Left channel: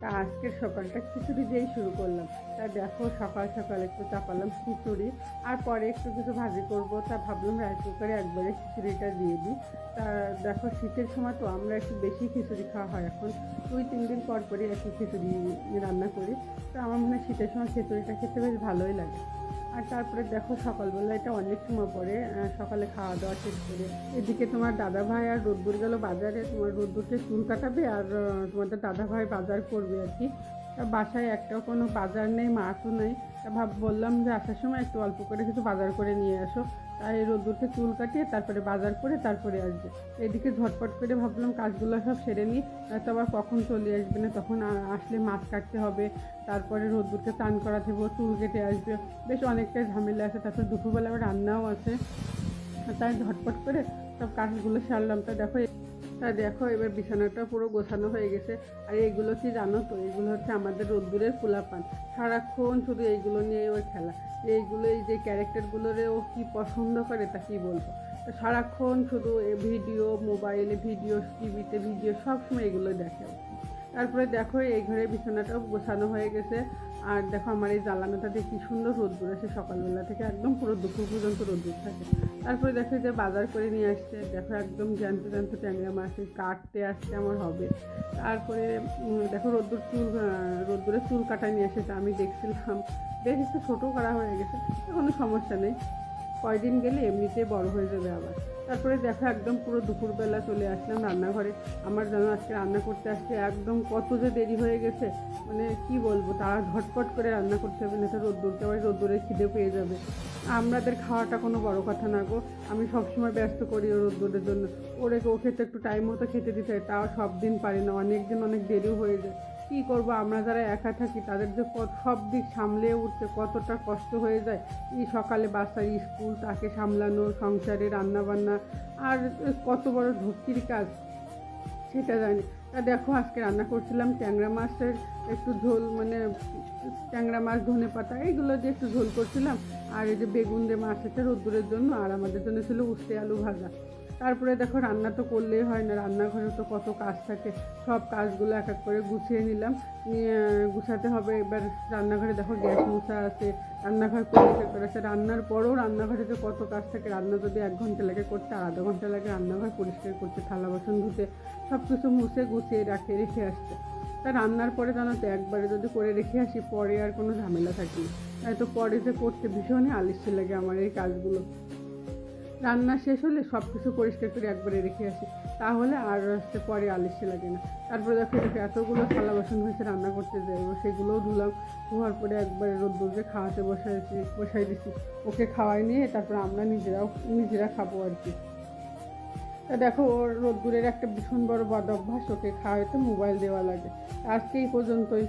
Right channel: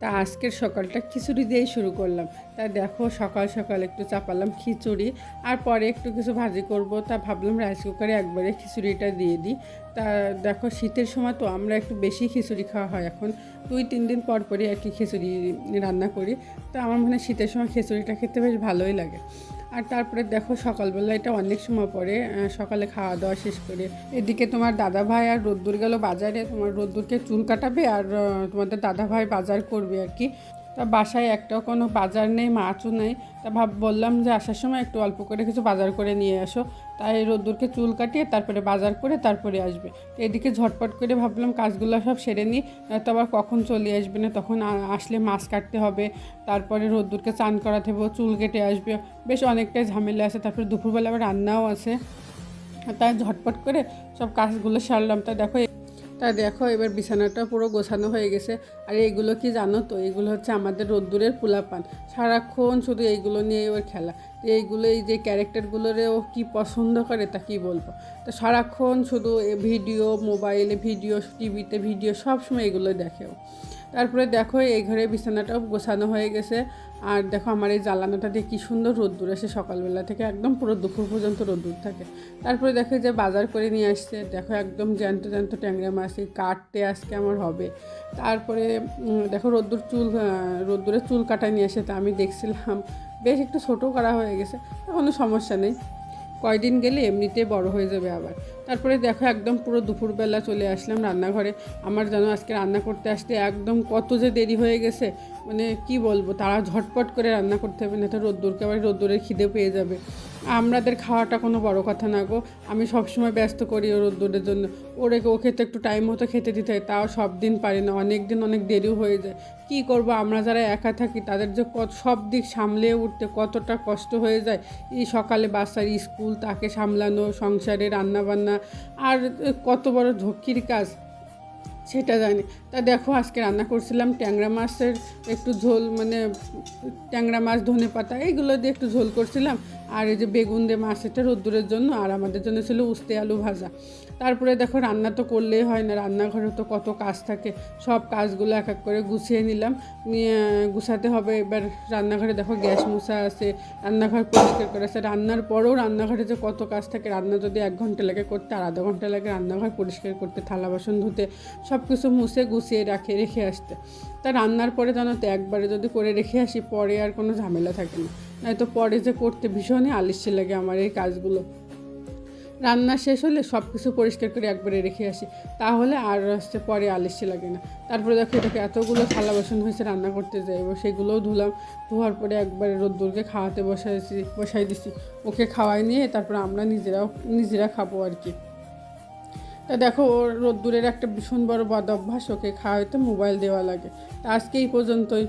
তা আজকের সকালটা খিচুড়ি দিয়েই শুরু করলাম। তা দেখো সকাল সকাল একটু চাপালাম খিচুড়ি, আর পরে একটু কিছু ভাজি করব। তা ভাবলাম রাইস কুকারে একবারে খিচুড়িটা দিয়ে দিই। তা দেখো শীতের সময় তো আমরা একটু বেশি খিচুড়ি খাওয়া হয় এখন। দুই, তিন দিন পর পরই আর কি খিচুড়ি রান্না করি। তা আমার মনে হয় শীতের সময় খিচুড়িটা খেতে বেশ ভালোই লাগে। আর তারপরে দেখো সকালবেলা এটা অনেক সময় পরে সকালে খাওয়া দাওয়া শেষ করে। এদিকে তোমার দাদা ভাই আর রোদ্দুর গেল বাজারে, তোমার রোদ্দুরকে চুল কাটাবে আর তোমাদের দাদা ভাই বাজার করবে আর কি। তা বাসায় একটাও কোনো বাজার নেই, মাছও নেই। তা ভাব, বললাম যে আসার সময় একটু অল্প করে কিছু বাজার করে নিয়ে আসো। তাই রোদ্দুরকে চুল কাটিয়ে তারপরে বাজার করে তারপরে আসবে। এদিকে ঝটপট করে ভাবলাম কাজগুলো সব সেরে নিই, নয়তো আবার কখন চলে আসবে না, তখন আসলে মাছ কাটতে হবে, তারপরে রোদ্দুরকে চান করাতে হবে, চুল কেটে আসবে। বেশ অনেকটাই ঝামেলা আছে, তারপরে দুপুরবেলা আবার রান্নাও আছে। তাই ঝটপট করে সব কাজগুলো সারলাম। তা দেখো তা দেখো, এবার বিছানাটা পুরো গোছানো হয়ে গেছে। আর এইগুলো কি জানো তো? এগুলো হচ্ছে আমাদের রোদ্দুরের পোলাপান। সারাক্ষণ শুধু এইগুলো নিয়ে এবার খেলা। এইগুলো এই যে ক্যারেক্টারগুলোরে ও কী পছন্দ করে তা কী বলব? তো সারাক্ষণ শুধু ভিডিও মোবাইলে ভিডিও টিভিতে ভিডিও সব সময় এগুলো দেখে ও। তারপরে দেখো এই ঘরে বিছানাটাও গোছানো হয়ে গেছে। আর দেখো আমার এই জ্বালানোটা দিয়ে কী সুন্দর রোদ্দুর আসে সকালবেলা থেকে একদম পুরো দুপুর পর্যন্ত রোদ্দুর থাকে। তারপরে দেখো যে বাজার করে নিয়ে আসছে দেখো একদম জ্যান্ত জ্যান্ত ট্যাংরা মাছ এই কাটতে আজকে আমার হবে। তারপরে দেখো রোদ্দুর চুল আহ, রোদ্দুরের চুল কাটা নিয়ে এসে তা আমি দেখছিলাম। বেশ একটু ছোটো করা হয়ে গেছে, কোনো সমস্যা নেই। কয়দিন গেলে এমনিতে বড় হয়ে যাবে আবার। তারপরে দেখো একদম পুরো দুপুরবেলা চলে আসলাম রান্নাঘরে। আমার যেন আজকে রান্না করতে আসতে একদম কত যে দেরি হয়ে গেছে মানে কি বলব, তারা ঝটপট করে রান্না করতে হবে, না তো রোদ্দুরকে আবার রোদ্দুরের খিদে পেয়ে যাবে। আমাদের খাওয়াটা কোনো বড় কথা না গো। আমি সবসময় ব্যস্ত করি ওর রোদ্দুরের জন্য। ওরে ও খেতে একটু টাইম মতো খেতে দিতে হয়, তাও সব দিন পারি না, অনেক দিন অনেক দেরিও হয়ে যায়। কি করব, আমরা যারা একা থাকি, তাদের যে কত, সব দিক সামলে উঠতে কতটা কষ্ট হয়ে যায়। এই সকালে বাচ্চার স্কুল, তাকে সামলানো, সংসারে রান্নাবান্না, আর কত বড় ঝক্কির কাজ। সেটা জানি। তা দেখো, আজকে রান্না করছিলাম ট্যাংরা মাছের একটু ঝোল মানে ট্যাংরা মাছ, ধনে পাতা, এইগুলো দিয়ে একটু ঝোল করছিলাম। আর এই যে বেগুন দিয়ে মাছ, এটা রোদ্দুরের জন্য, আর আমাদের জন্য ছিল উস্তে আলু ভাজা। তারপরে দেখো, রান্না তো করলেই হয় না, রান্নাঘরে তো কত কাজ থাকে। সব কাজগুলো এক এক করে গুছিয়ে নিলাম। নিয়ে গুছাতে হবে। এবার রান্নাঘরে দেখো, গ্যাস মুছা আছে, রান্নাঘর পরিষ্কার করে আছে। রান্নার পরেও রান্নাঘরে যে কত কাজ থাকে, রান্না যদি এক ঘণ্টা লাগে করতে, আর আধা ঘণ্টা লাগে রান্নাঘর পরিষ্কার করতে, থালা বাসন ধুতে, সব কিছু মুছে গুছিয়ে রাখে, রেখে আসতে। তা রান্নার পরে জানো তো একবারে যদি করে রেখে আসি, পরে আর কোনো ঝামেলা থাকে না। নয়তো পরে যে করতে ভীষণই আলিস্যে লাগে আমার এই কাজগুলো। রান্না শেষ হলে সব কিছু পরিষ্কার করে একবারে রেখে আসি, তাহলে আর হচ্ছে পরে আলিস্যে লাগে না। তারপরে দেখো এটাকে এতগুলো থালা বাসন হয়েছে রান্না করতে যাই সেগুলোও ধুলাম, ধোয়ার পরে একবারে রোদ্দুরকে খাওয়াতে বসাইছি, বসাই দিছি। ওকে খাওয়াই নিয়ে তারপর আমরা নিজেরাও, নিজেরা খাব আর কি। দেখো ওর রোদ্দুরের একটা ভীষণ বড় বদ অভ্যাস, ওকে খাওয়াইতে মোবাইল দেওয়া লাগে। আজকে এই পর্যন্তই।